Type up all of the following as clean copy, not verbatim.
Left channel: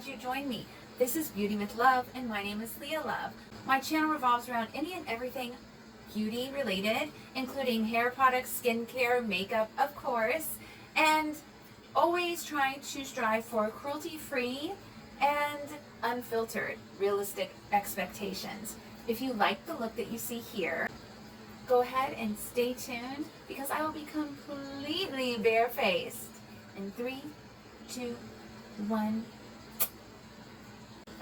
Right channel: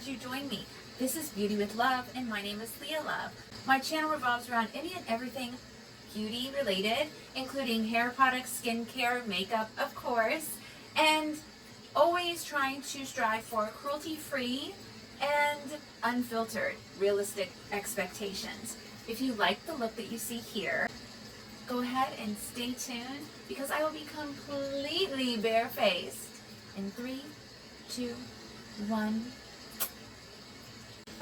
glad you joined me. This is Beauty with Love, and my name is Leah Love. My channel revolves around any and everything beauty related, including hair products, skincare, makeup, of course, and always trying to strive for cruelty-free and unfiltered, realistic expectations. If you like the look that you see here, go ahead and stay tuned because I will be completely barefaced in 3, 2, 1.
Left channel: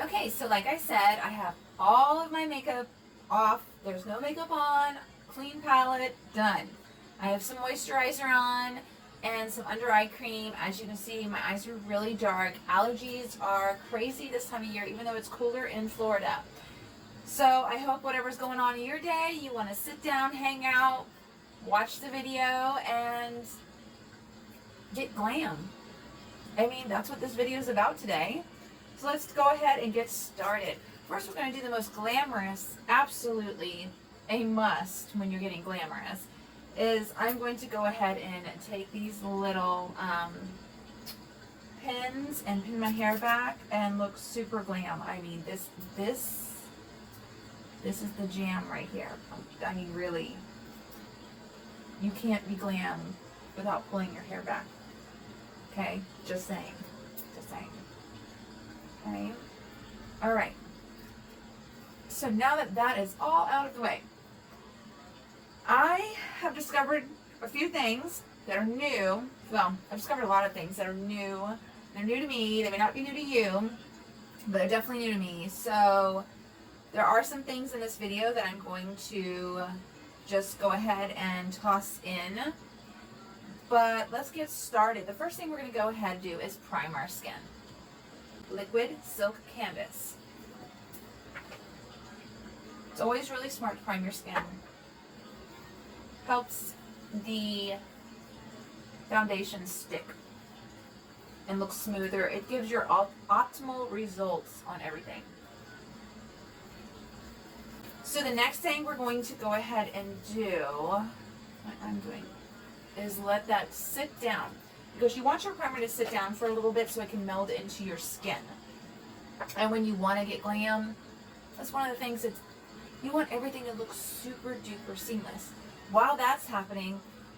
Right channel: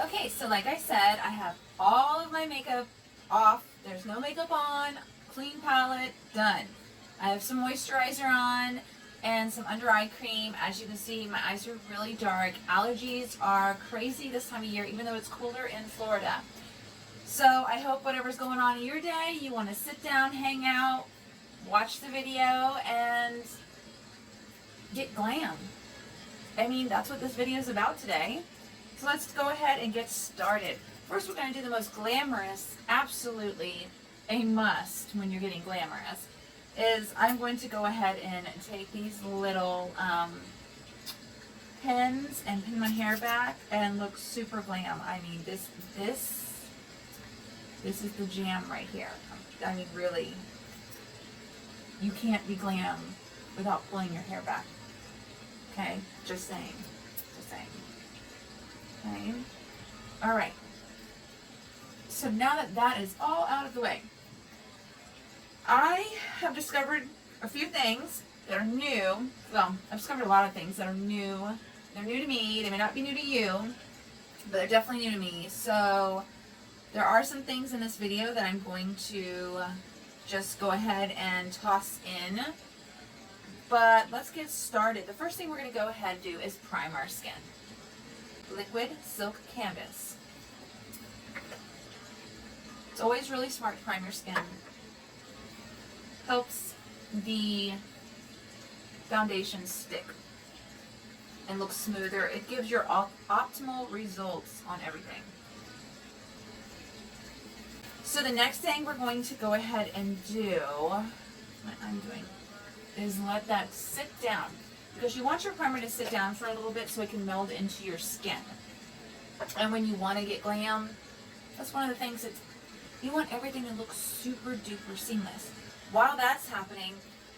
Okay, so like I said, I have all of my makeup off. There's no makeup on, clean palette, done. I have some moisturizer on and some under eye cream. As you can see, my eyes are really dark. Allergies are crazy this time of year, even though it's cooler in Florida. So I hope whatever's going on in your day, you want to sit down, hang out, watch the video, and get glam. I mean, that's what this video is about today. So let's go ahead and get started. First, we're going to do the most glamorous, absolutely a must when you're getting glamorous, is I'm going to go ahead and take these little pins and pin my hair back and look super glam. I mean, this is the jam right here. I mean, really, you can't be glam without pulling your hair back. Okay, just saying. Okay. All right. So now that that is all out of the way, I have discovered a few things that are new. Well, I've discovered a lot of things that are new. They're new to me. They may not be new to you, but they're definitely new to me. So there are some things in this video that I'm going to just go ahead and toss in. But let's get started. The first thing we're going to go ahead and do is prime our skin. Liquid Silk Canvas. It's always really smart to prime your skin. Helps the foundation stick and look smoother. It gives your optimal results on everything. So the next thing we're going to go ahead and do, what I'm doing, is let that sit down. Because you want your primer to sit down for a little bit so it can meld into your skin. And when you want to get glam, that's one of the things that's, you want everything to look super duper seamless. While that's happening,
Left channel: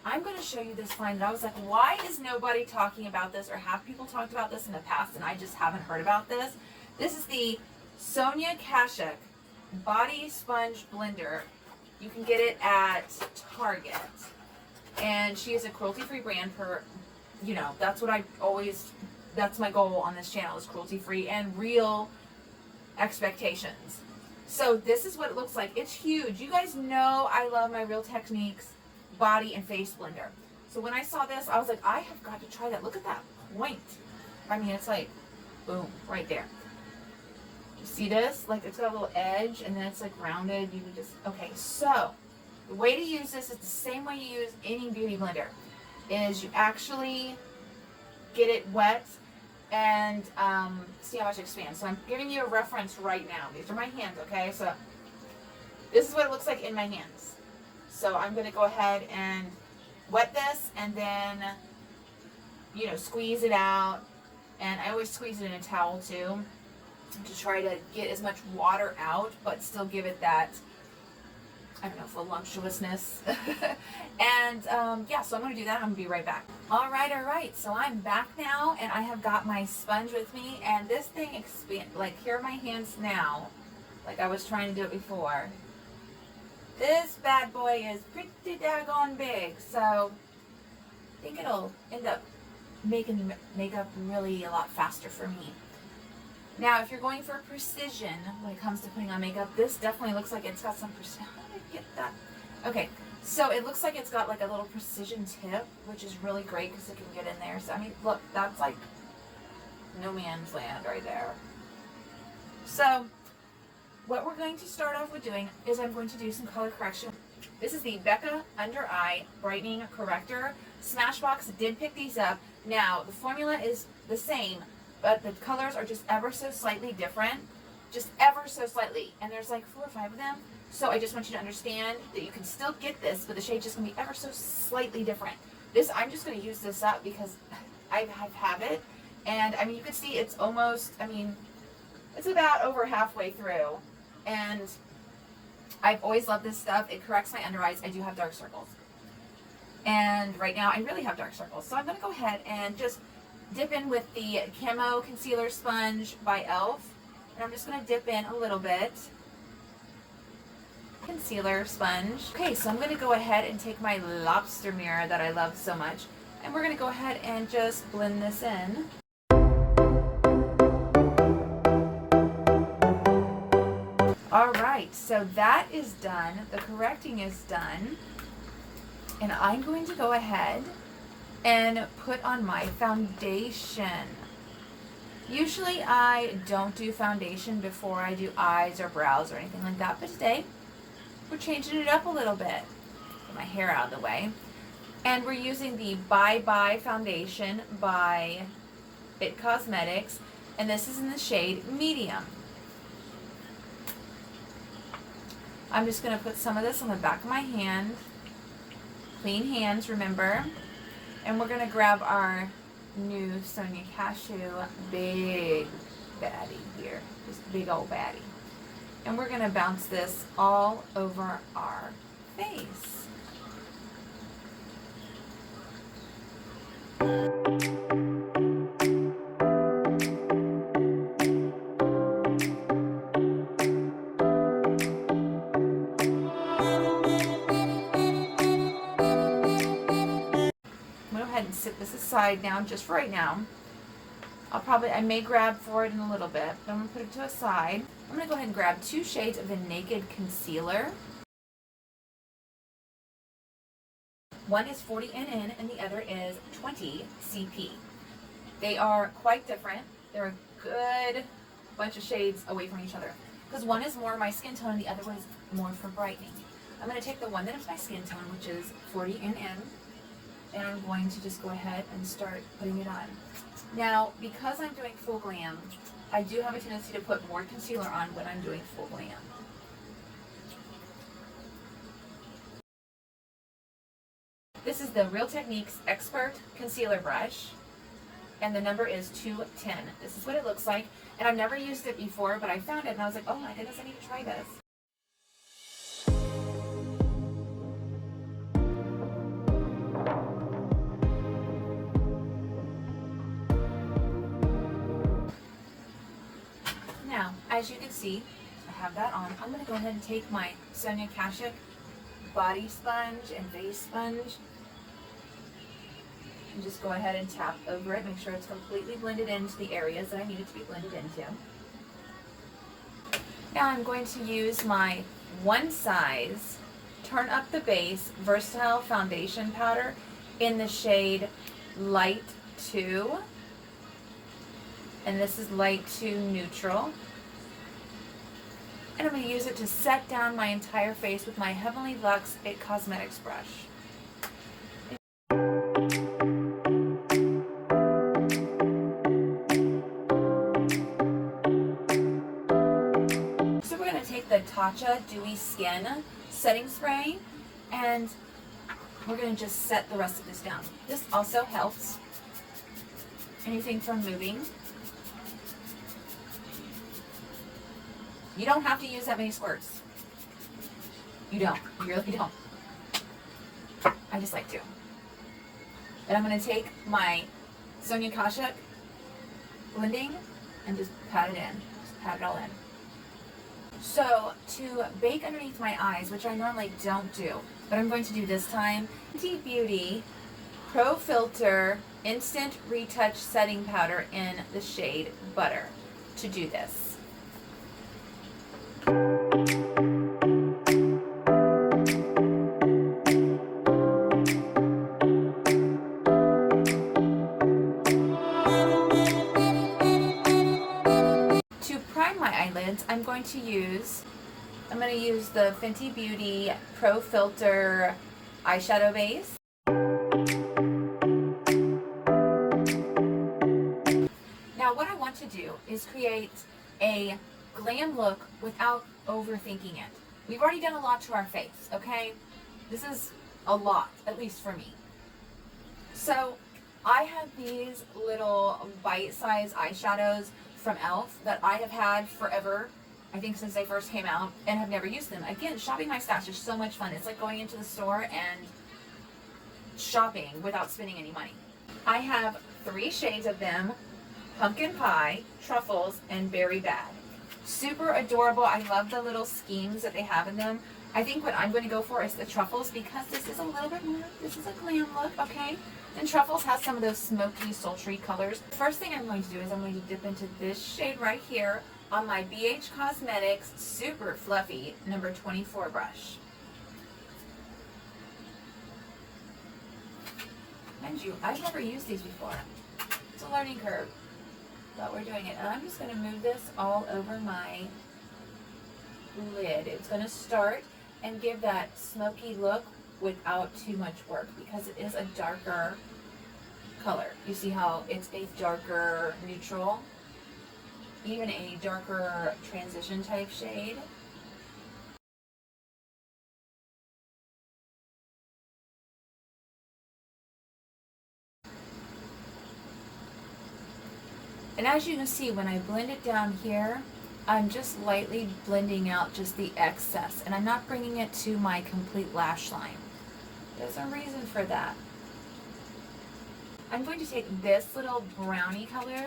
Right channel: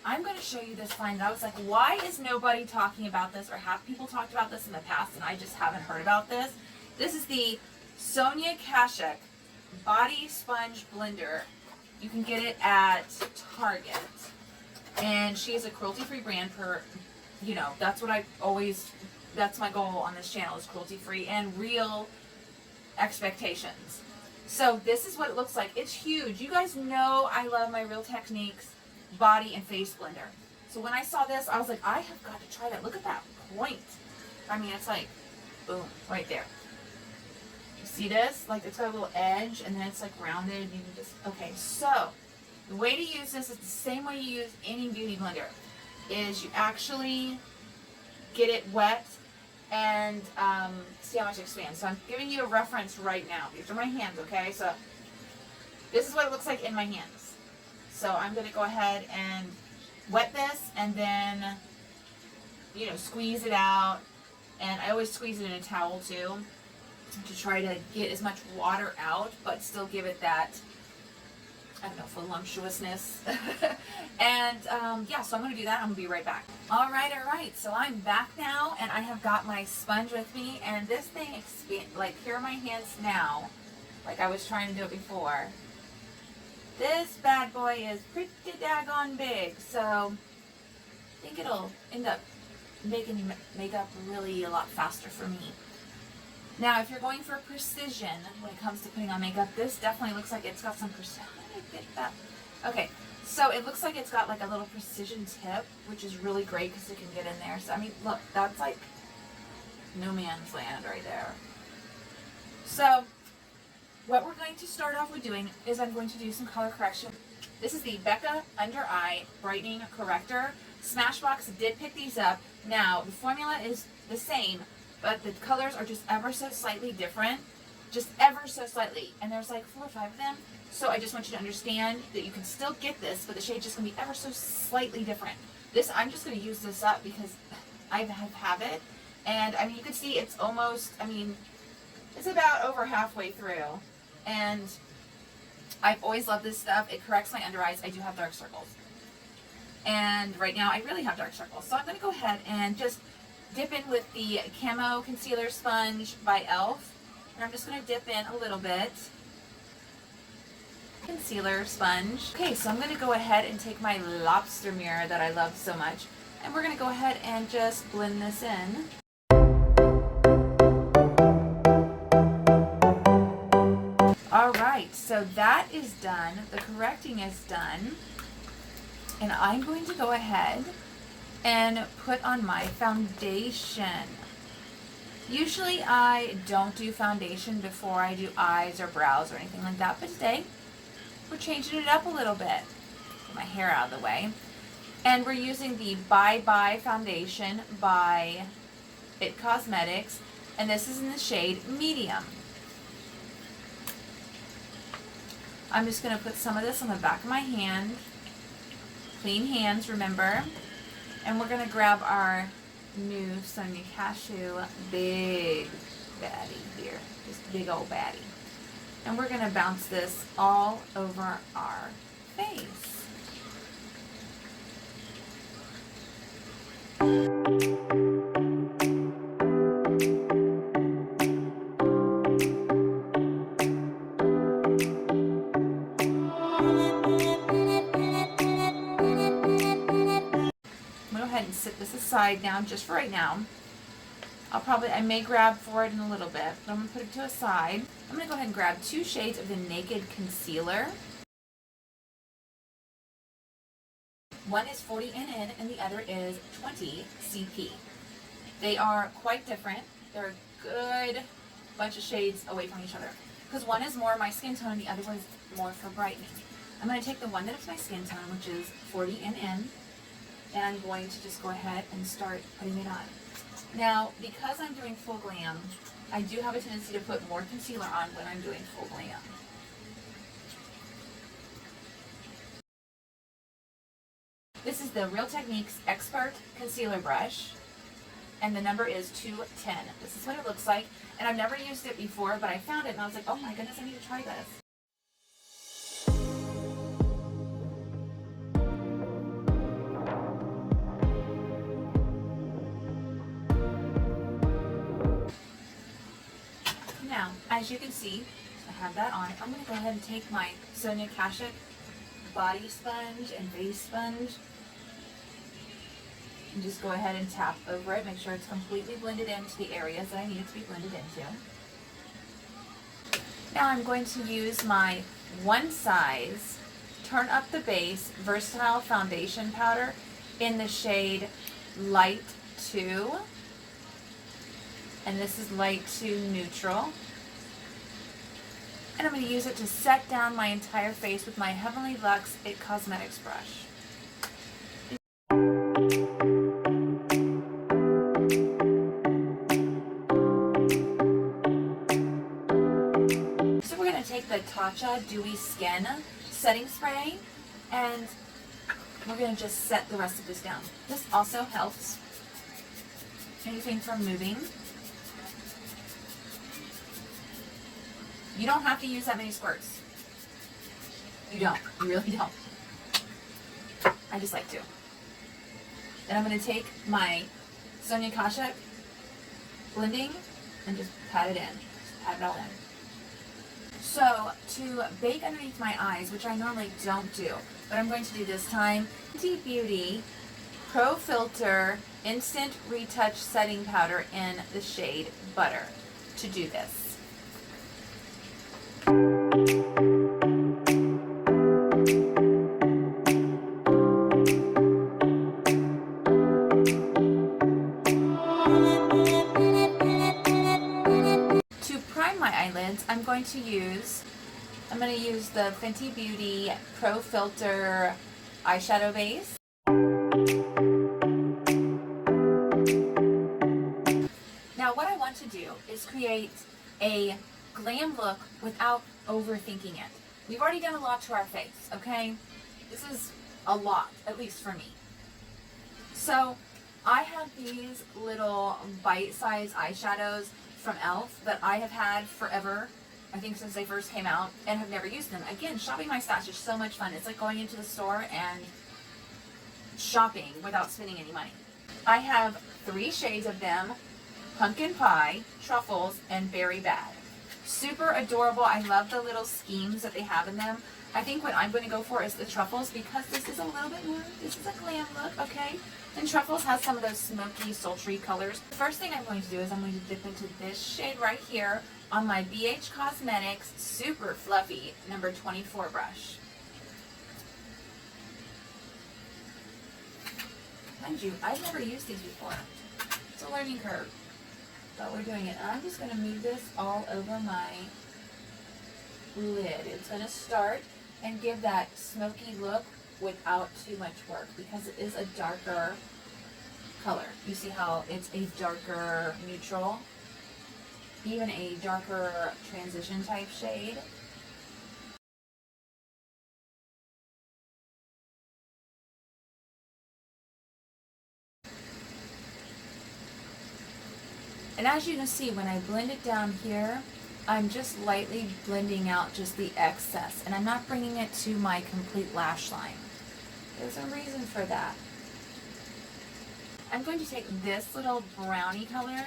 I'm going to show you this find that I was like, why is nobody talking about this, or have people talked about this in the past and I just haven't heard about this? This is the Sonia Kashuk Body Sponge Blender. You can get it at Target. And she is a cruelty-free brand for, you know, that's what I always, that's my goal on this channel, is cruelty-free and real expectations. So this is what it looks like. It's huge. You guys know I love my realtechniques body and face blender. So when I saw this, I was like, I have got to try that. Look at that point. I mean, it's like, boom, right there. You see this? Like, it's got a little edge, and then it's like rounded. You can just, okay, so the way to use this is the same way you use any beauty blender, is you actually get it wet and see how much it expands. So I'm giving you a reference right now. These are my hands, okay? So this is what it looks like in my hands. So I'm going to go ahead and wet this and then, you know, squeeze it out. And I always squeeze it in a towel too, to try to get as much water out, but still give it that, I don't know, voluptuousness. And yeah, so I'm going to do that. I'm going to be right back. All right. So I'm back now, and I have got my sponge with me, and this thing like, here are my hands now, like I was trying to do it before. This bad boy is pretty daggone big, so I think it'll end up making your makeup really a lot faster for me. Now, if you're going for precision when it comes to putting on makeup, this definitely looks like it's got some precision. How did I get that? Okay, so it looks like it's got like a little precision tip, which is really great because it can get in there. So, I mean, look, that's like no man's land right there. So, what we're going to start off with doing is I'm going to do some color correction. This is the Becca Under Eye Brightening Corrector. Smashbox did pick these up. Now, the formula is the same, but the colors are just ever so slightly different. Just ever so slightly. And there's like 4 or 5 of them. So I just want you to understand that you can still get this, but the shade's just going to be ever so slightly different. This, I'm just going to use this up because I have it, And I mean, you can see it's almost, I mean, it's about over halfway through. And I've always loved this stuff. It corrects my under eyes. I do have dark circles. And right now I really have dark circles. So I'm going to go ahead and just dip in with the Camo Concealer Sponge by e.l.f. And I'm just going to dip in a little bit. Concealer sponge. Okay, so I'm going to go ahead and take my lobster mirror that I love so much. And we're going to go ahead and just blend this in. Alright, so that is done. The correcting is done. And I'm going to go ahead and put on my foundation. Usually I don't do foundation before I do eyes or brows or anything like that, but today we're changing it up a little bit. Get my hair out of the way. And we're using the Bye Bye foundation by It Cosmetics, and this is in the shade Medium. I'm just going to put some of this on the back of my hand. Clean hands, remember. And we're going to grab our new Sonia Kashuk big baddie here. This big old baddie. And we're going to bounce this all over our face. And set this aside now, just for right now. I may grab for it in a little bit, but I'm going to put it to a side. I'm going to go ahead and grab 2 shades of the Naked Concealer. One is 40 NN and the other is 20 CP. They are quite different. They're a good bunch of shades away from each other, because one is more my skin tone and the other one is more for brightening. I'm going to take the one that is my skin tone, which is 40 NN. And I'm going to just go ahead and start putting it on. Now, because I'm doing full glam, I do have a tendency to put more concealer on when I'm doing full glam. This is the Real Techniques Expert Concealer Brush, and the number is 210. This is what it looks like, and I've never used it before, but I found it and I was like, oh my goodness, I need to try this. Now, as you can see, I have that on. I'm going to go ahead and take my Sonia Kashuk body sponge and face sponge and just go ahead and tap over it. Make sure it's completely blended into the areas that I need it to be blended into. Now I'm going to use my One Size Turn Up the Base Versatile Foundation Powder in the shade Light 2. And this is Light 2 Neutral. And I'm going to use it to set down my entire face with my Heavenly Luxe It Cosmetics brush. So we're going to take the Tatcha Dewy Skin setting spray and we're going to just set the rest of this down. This also helps anything from moving. You don't have to use that many squirts. You don't. You really don't. I just like to. Then I'm going to take my Sonia Kashuk blending and just pat it in. Just pat it all in. So, to bake underneath my eyes, which I normally don't do, but I'm going to do this time, Fenty Beauty Pro Filter Instant Retouch Setting Powder in the shade Butter to do this. I'm going to use the Fenty Beauty Pro Filter eyeshadow base. Now what I want to do is create a glam look without overthinking it. We've already done a lot to our face, okay? This is a lot, at least for me. So I have these little bite-sized eyeshadows from e.l.f. that I have had forever, I think since they first came out, and have never used them. Again, shopping my stash is so much fun. It's like going into the store and shopping without spending any money. I have 3 shades of them: pumpkin pie, truffles, and berry bag. Super adorable. I love the little schemes that they have in them. I think what I'm going to go for is the truffles, because this is a little bit more, this is a glam look, okay? And truffles has some of those smoky, sultry colors. The first thing I'm going to do is I'm going to dip into this shade right here on my BH Cosmetics super fluffy number 24 brush. Mind you, I've never used these before. It's a learning curve, but we're doing it. And I'm just going to move this all over my lid. It's going to start and give that smoky look without too much work, because it is a darker color. You see how it's a darker neutral, even a darker transition type shade. And as you can see, when I blend it down here, I'm just lightly blending out just the excess, and I'm not bringing it to my complete lash line. There's a reason for that. I'm going to take this little brownie color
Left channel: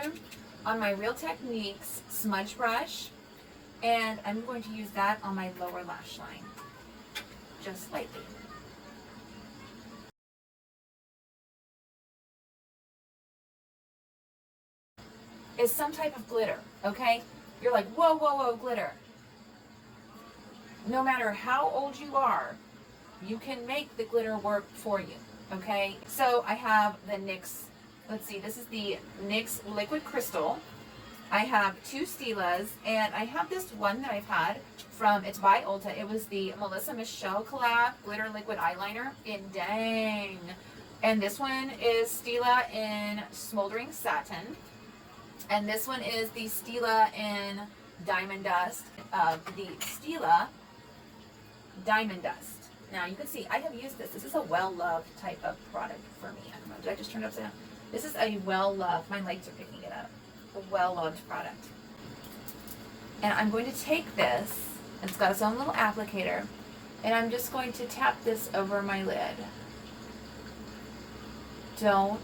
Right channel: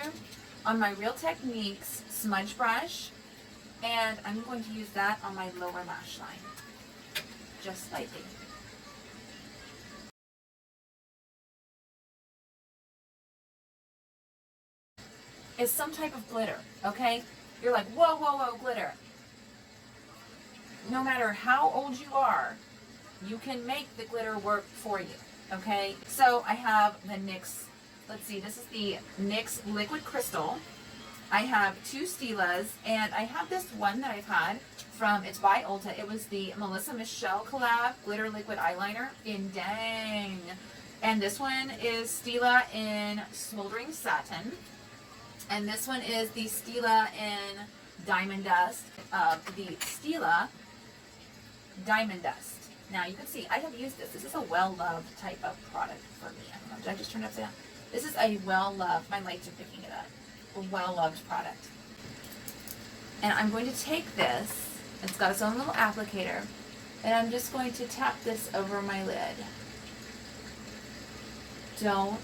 on my Real Techniques smudge brush, and I'm going to use that on my lower lash line, just slightly. Is some type of glitter, okay? You're like, whoa, whoa, whoa, glitter. No matter how old you are, you can make the glitter work for you, okay? So I have the NYX, let's see, this is the NYX Liquid Crystal. I have 2 Stilas, and I have this one that I've had from, it's by Ulta. It was the Melissa Michelle collab glitter liquid eyeliner in Dang. And this one is Stila in Smoldering Satin. And this one is the Stila in Diamond Dust. The Stila Diamond Dust. Now you can see I have used this. This is a well-loved type of product for me. I don't know, did I just turn it upside down? This is a well-loved, my lights are picking it up, a well-loved product. And I'm going to take this, it's got its own little applicator, and I'm just going to tap this over my lid. Don't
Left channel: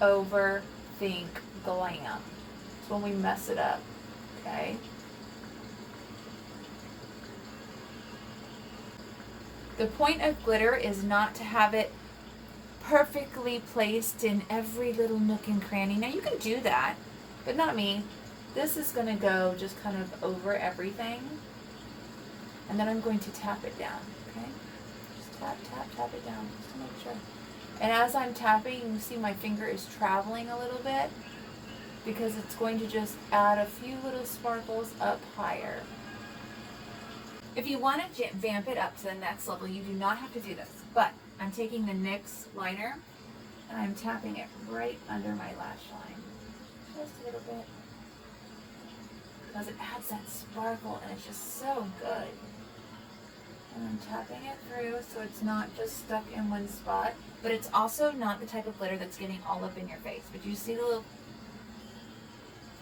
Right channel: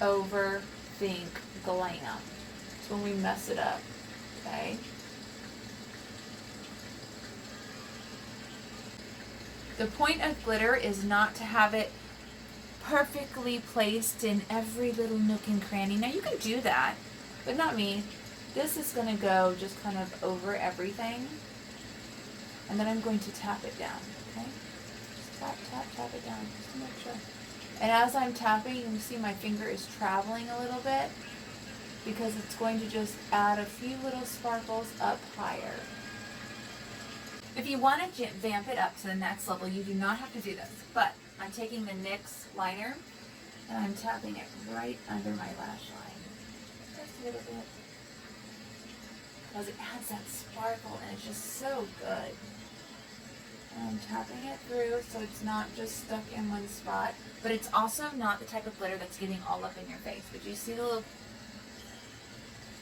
overthink glam. It's when we mess it up, okay? The point of glitter is not to have it perfectly placed in every little nook and cranny. Now you can do that, but not me. This is going to go just kind of over everything. And then I'm going to tap it down, okay? Just tap, tap, tap it down, just to make sure. And as I'm tapping, you can see my finger is traveling a little bit, because it's going to just add a few little sparkles up higher. If you want to vamp it up to the next level, you do not have to do this. But I'm taking the NYX liner and I'm tapping it right under my lash line. Just a little bit. Because it adds that sparkle and it's just so good. And I'm tapping it through so it's not just stuck in one spot. But it's also not the type of glitter that's getting all up in your face. But you see the little,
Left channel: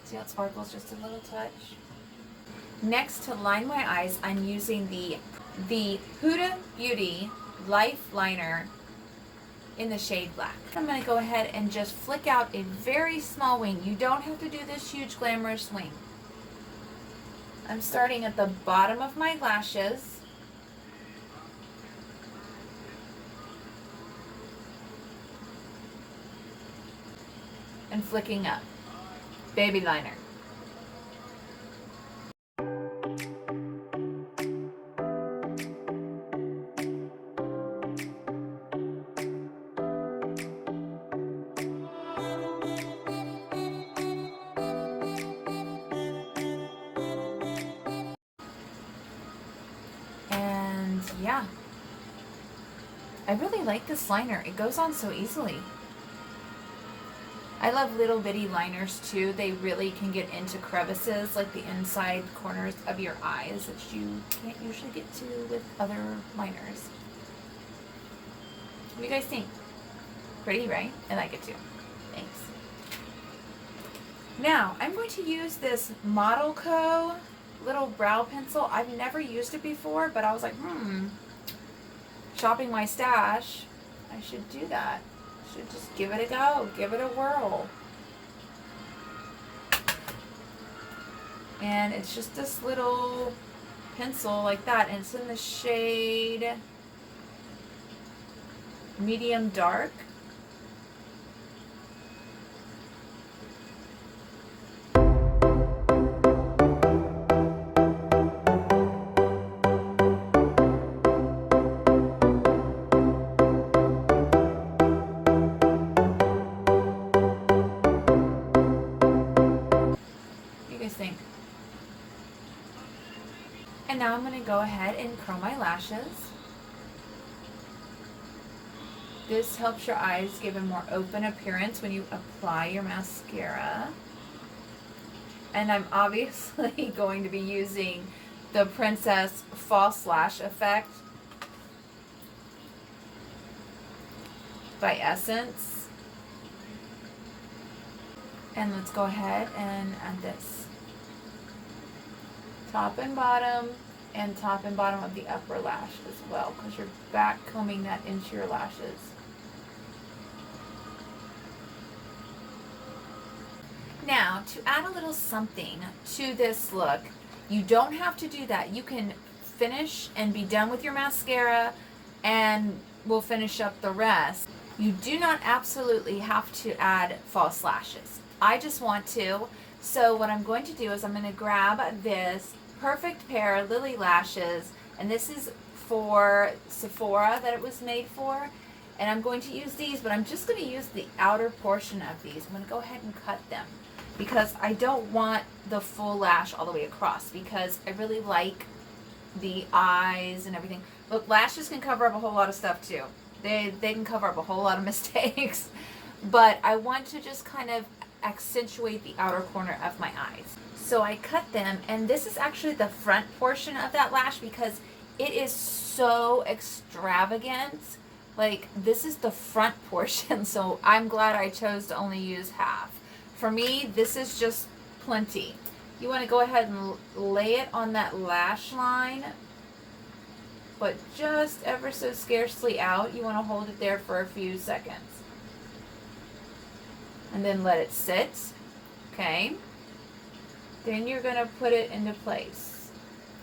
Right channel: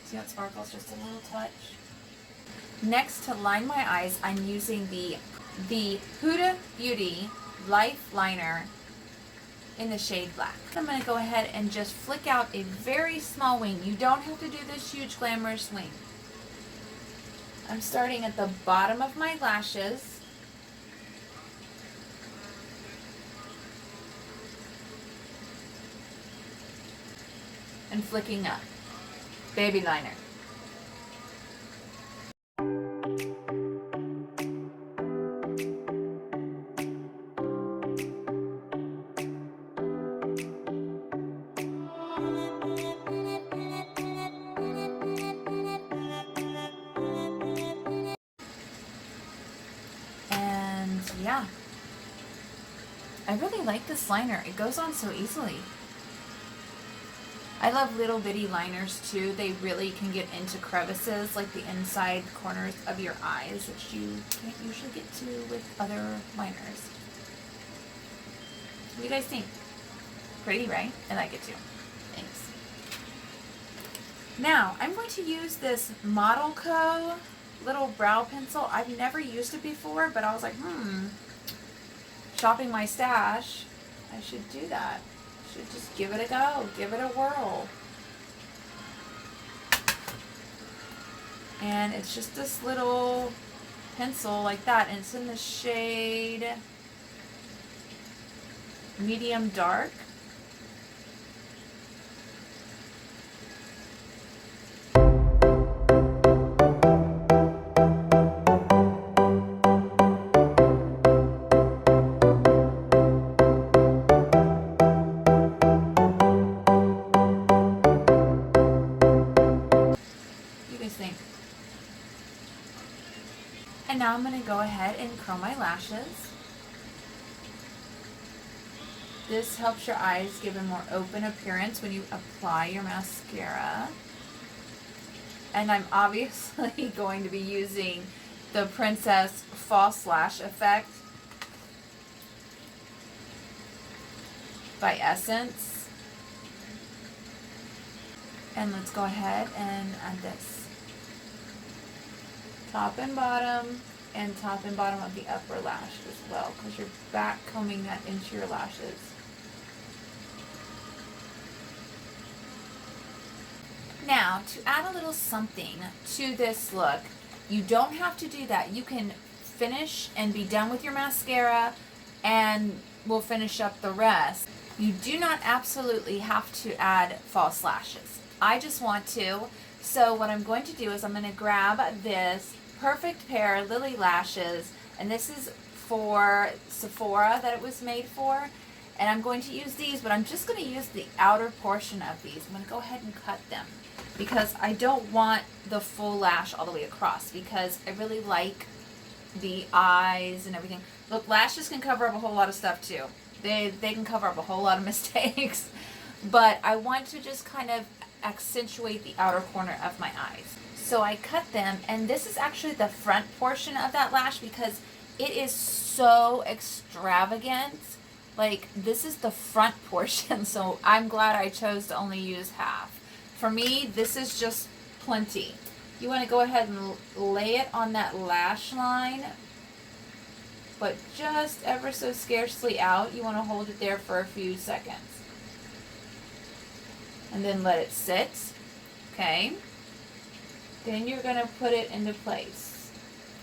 see how it sparkles just a little touch? Next, to line my eyes, I'm using the hudabeauty Life Liner in the shade Black. I'm going to go ahead and just flick out a very small wing. You don't have to do this huge glamorous wing. I'm starting at the bottom of my lashes. And flicking up. Baby liner. And yeah, I really like this liner. It goes on so easily. I love little bitty liners too. They really can get into crevices, like the inside corners of your eyes, which you can't usually get to with other liners. What do you guys think? Pretty, right? I like it too. Now, I'm going to use this Model Co. little brow pencil. I've never used it before, but I was like, shopping my stash, I should do that. Should just give it a go, give it a whirl. And it's just this little pencil like that, and it's in the shade medium dark. Think. And now I'm going to go ahead and curl my lashes. This helps your eyes give a more open appearance when you apply your mascara. And I'm obviously going to be using the Princess False Lash Effect by Essence. And let's go ahead and add this. Top and bottom, and top and bottom of the upper lash as well, because you're back combing that into your lashes. Now, to add a little something to this look, you don't have to do that. You can finish and be done with your mascara, and we'll finish up the rest. You do not absolutely have to add false lashes. I just want to. So what I'm going to do is I'm going to grab this perfect pair of Lily lashes, and this is for Sephora that it was made for, and I'm going to use these, but I'm just going to use the outer portion of these. I'm going to go ahead and cut them because I don't want the full lash all the way across, because I really like the eyes and everything. Look, lashes can cover up a whole lot of stuff too. They can cover up a whole lot of mistakes, but I want to just kind of accentuate the outer corner of my eyes. So I cut them, and this is actually the front portion of that lash because it is so extravagant. Like, this is the front portion, so I'm glad I chose to only use half. For me, this is just plenty. You want to go ahead and lay it on that lash line, but just ever so scarcely out. You want to hold it there for a few seconds. And then let it sit. Okay. Then you're going to put it into place.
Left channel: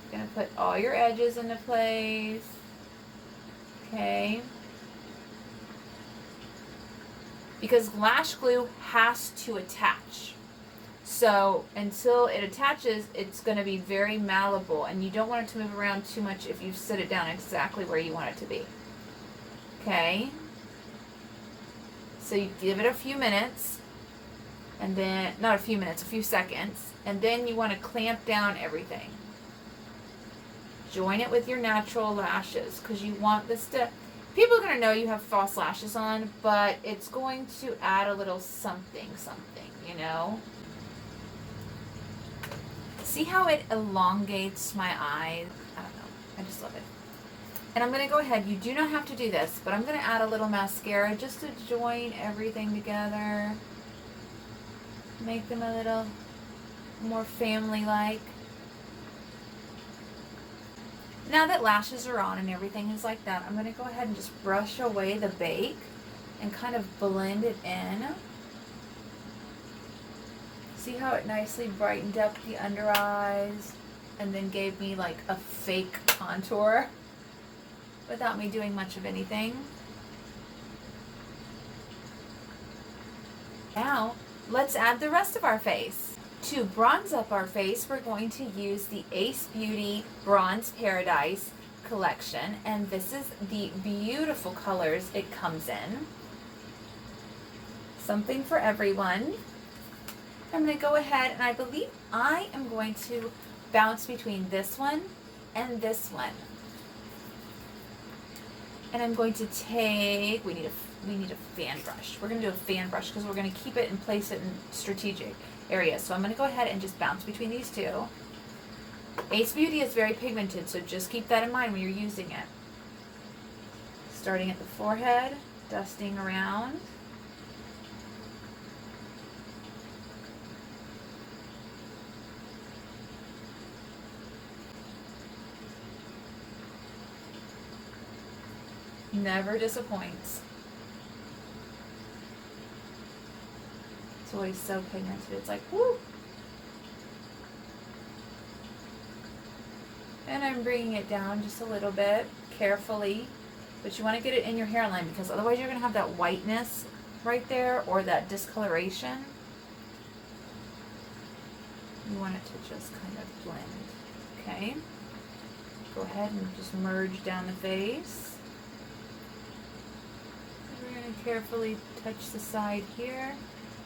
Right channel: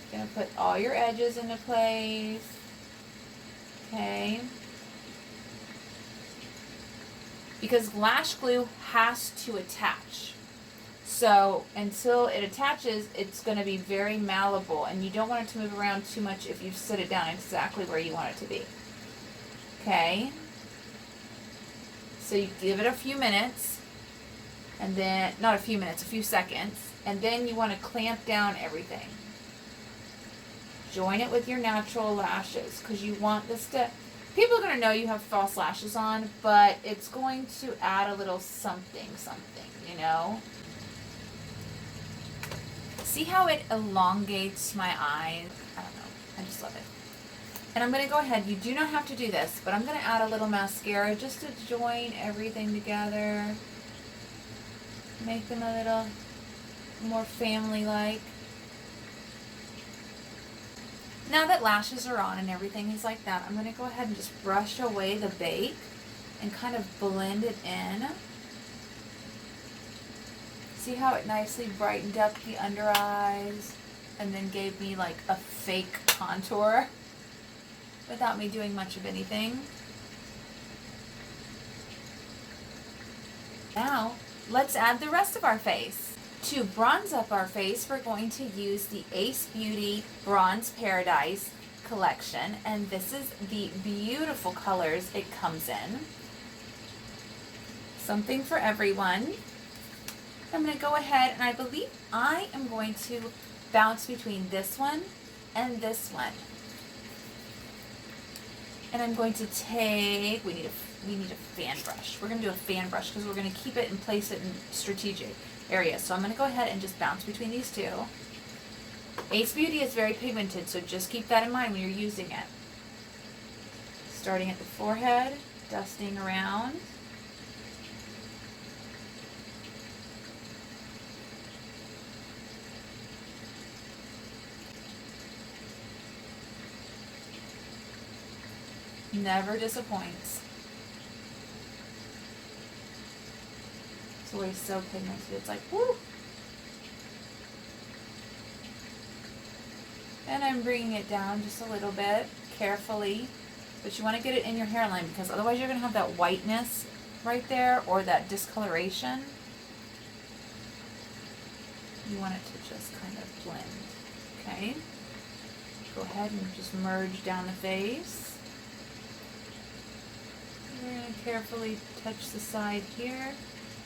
You're going to put all your edges into place. Okay. Because lash glue has to attach. So until it attaches, it's going to be very malleable, and you don't want it to move around too much if you sit it down exactly where you want it to be. Okay. So you give it a few minutes, and then, not a few minutes, a few seconds, and then you want to clamp down everything. Join it with your natural lashes, because you want this to, people are going to know you have false lashes on, but it's going to add a little something, you know? See how it elongates my eyes? I don't know. I just love it. And I'm going to go ahead. You do not have to do this, but I'm going to add a little mascara just to join everything together. Make them a little more family-like. Now that lashes are on and everything is like that, I'm going to go ahead and just brush away the bake and kind of blend it in. See how it nicely brightened up the under eyes and then gave me like a fake contour without me doing much of anything. Now, let's add the rest of our face. To bronze up our face, we're going to use the Ace Beauty Bronze Paradise collection, and this is the beautiful colors it comes in. Something for everyone. I'm going to go ahead, and I believe I am going to bounce between this one and this one. And I'm going to take, we need a fan brush. We're going to do a fan brush because we're going to keep it and place it in strategic areas. So I'm going to go ahead and just bounce between these two. Ace Beauty is very pigmented, so just keep that in mind when you're using it. Starting at the forehead, dusting around. Never disappoints. It's always so pigmented. It's like, woo! And I'm bringing it down just a little bit, carefully. But you want to get it in your hairline because otherwise you're going to have that whiteness right there or that discoloration. You want it to just kind of blend. Okay? Go ahead and just merge down the face. We're going to carefully touch the side here.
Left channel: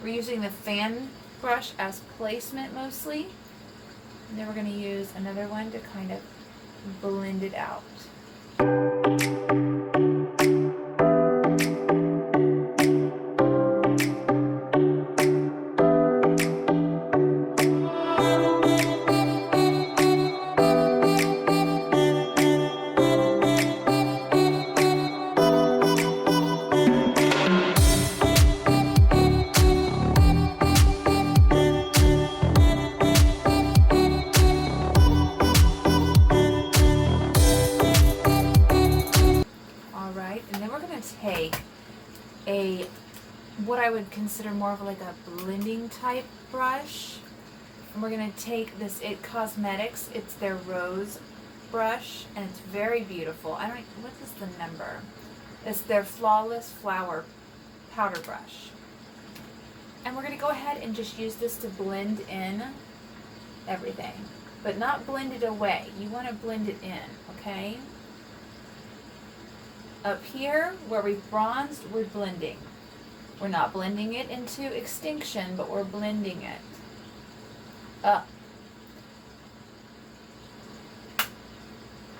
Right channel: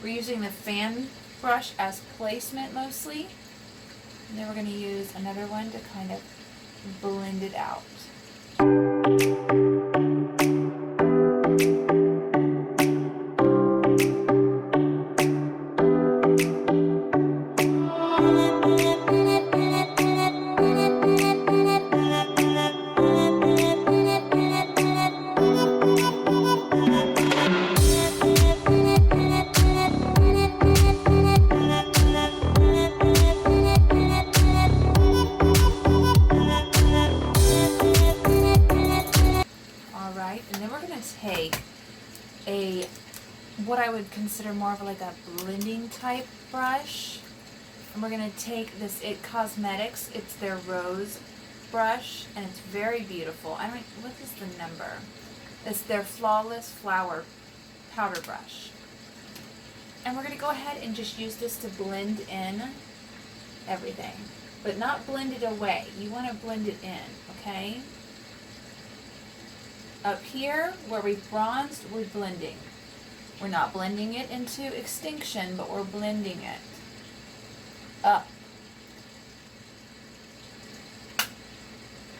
We're using the fan brush as placement mostly. And then we're going to use another one to kind of blend it out. What I would consider more of like a blending type brush, and we're going to take this It Cosmetics, it's their rose brush, and it's very beautiful. What is the number? It's their Flawless Flower powder brush, and we're going to go ahead and just use this to blend in everything, but not blend it away. You want to blend it in, okay? Up here where we've bronzed, we're blending. We're not blending it into extinction, but we're blending it up.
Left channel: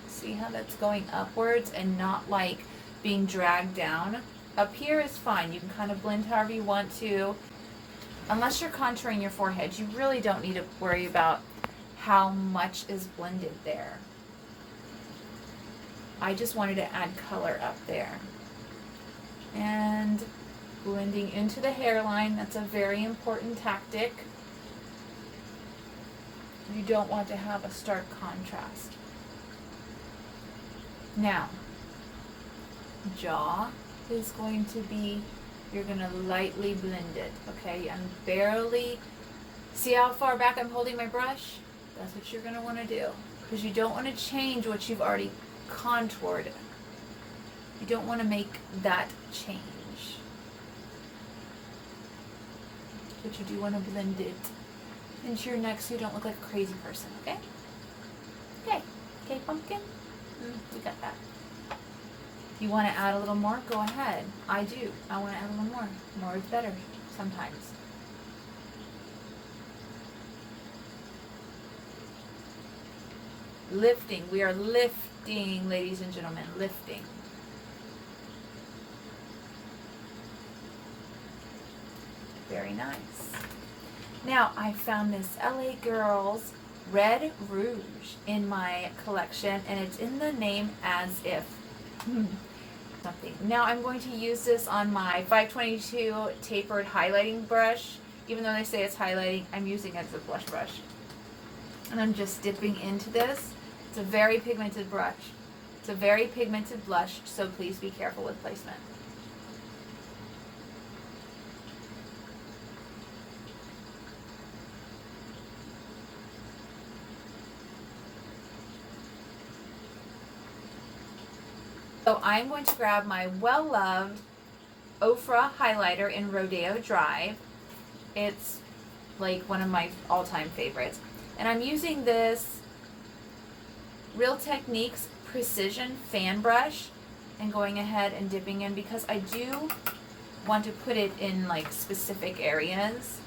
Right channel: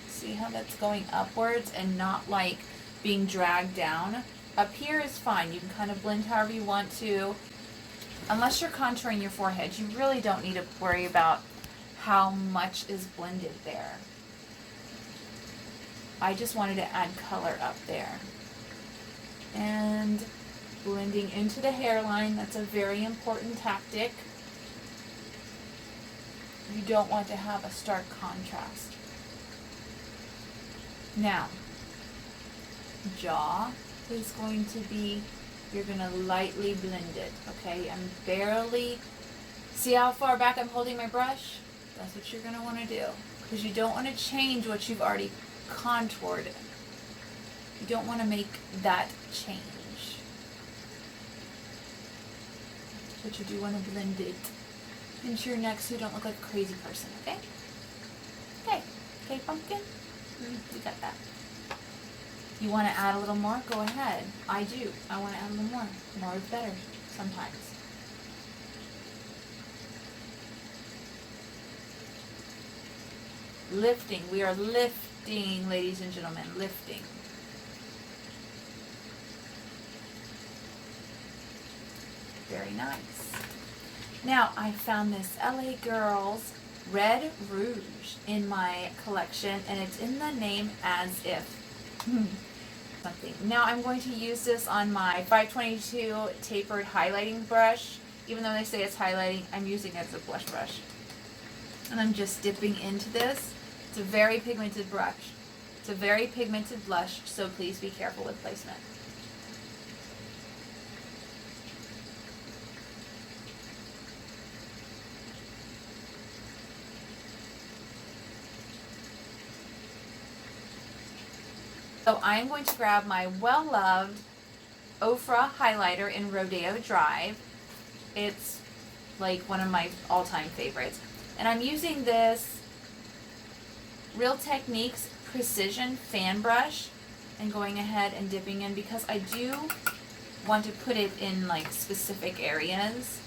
See how that's going upwards and not like being dragged down? Up here is fine. You can kind of blend however you want to. Unless you're contouring your forehead, you really don't need to worry about how much is blended there. I just wanted to add color up there. And blending into the hairline, that's a very important tactic. You don't want to have a stark contrast. Now, jaw is going to be, you're going to lightly blend it, okay? I'm barely, see how far back I'm holding my brush? That's what you're going to want to do, because you don't want to change what you've already contoured. You don't want to make that change. But you do want to blend it into your neck so you don't look like a crazy person, okay? Okay. Okay, pumpkin? We got that. If you want to add a little more, go ahead. I do. I want to add a little more. More is better sometimes. Lifting. We are lifting, ladies and gentlemen. Lifting. Very nice. Now, I found this LA Girls Red Rouge in my collection, and it's in the name As If. Something. Now, I'm going to use this on my 522 tapered highlighting brush. Even though they say it's highlighting, I'm using it as a blush brush. And I'm just dipping into this. It's a very pigmented brush. It's a very pigmented blush, so please be careful with placement. So I'm going to grab my well-loved Ofra highlighter in Rodeo Drive. It's like one of my all-time favorites. And I'm using this Realtechniques Precision Fan Brush and going ahead and dipping in because I do want to put it in like specific areas.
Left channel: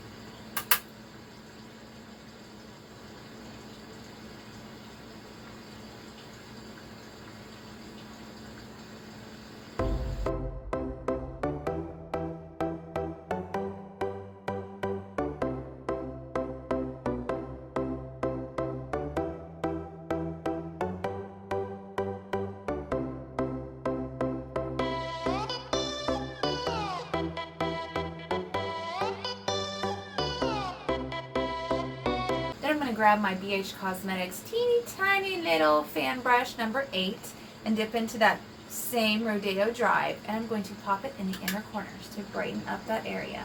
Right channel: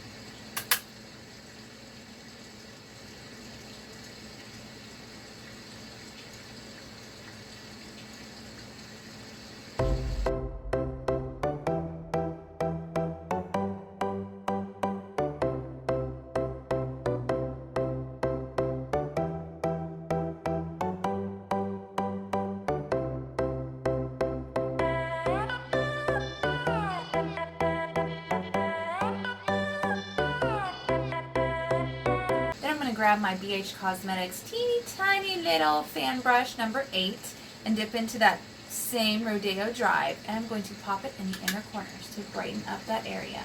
Grab my BH Cosmetics teeny tiny little fan brush number 8 and dip into that Same Rodeo Drive, and I'm going to pop it in the inner corners to brighten up that area.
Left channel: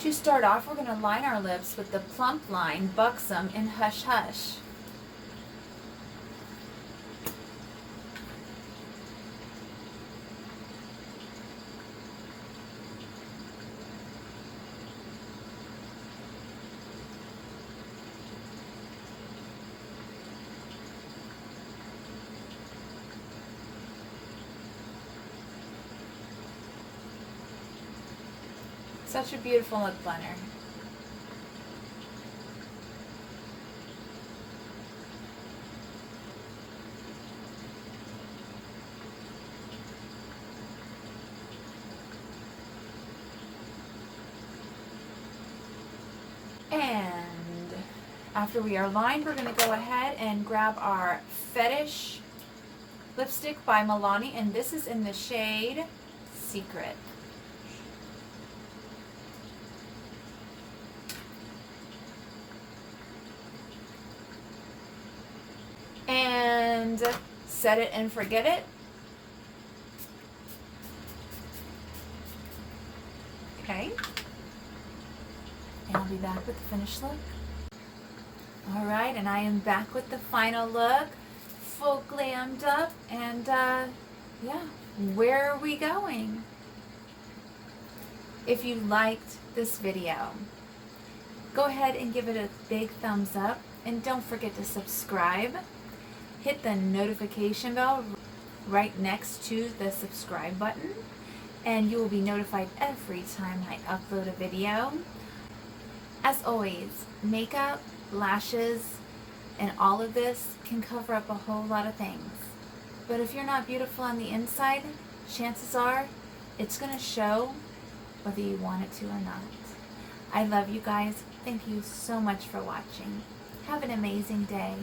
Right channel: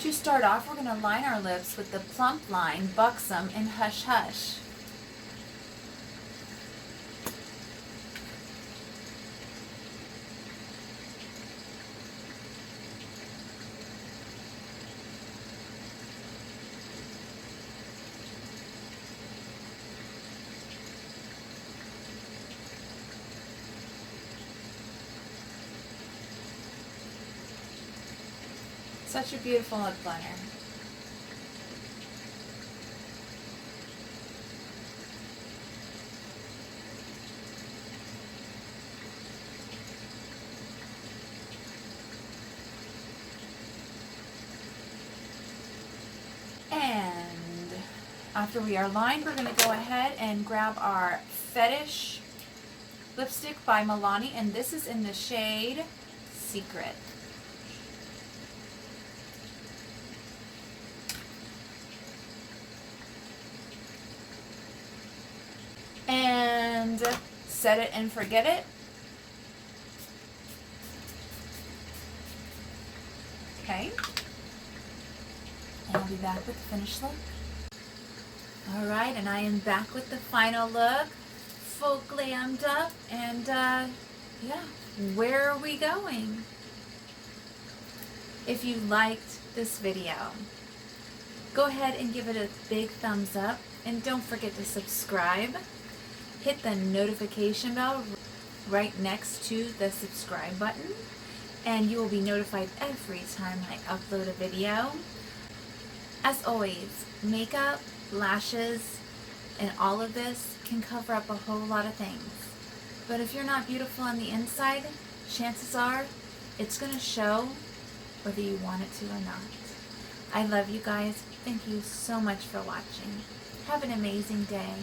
To start off, we're going to line our lips with the Plump Line, Buxom, and Hush Hush. Such a beautiful lip liner. And after we are lined, we're going to go ahead and grab our Fetish lipstick by Milani, and this is in the shade Secret. And set it and forget it. Okay. And I'll be back with the finished look. Alright, and I am back with the final look. Full glammed up. And yeah, where are we going? If you liked this video, go ahead and give it a big thumbs up. And don't forget to subscribe. Hit the notification bell right next to the subscribe button, and you will be notified every time I upload a video. As always, makeup, lashes, and all of this can cover up a whole lot of things. But if you're not beautiful on the inside, chances are it's going to show whether you want it to or not. I love you guys. Thank you so much for watching. Have an amazing day.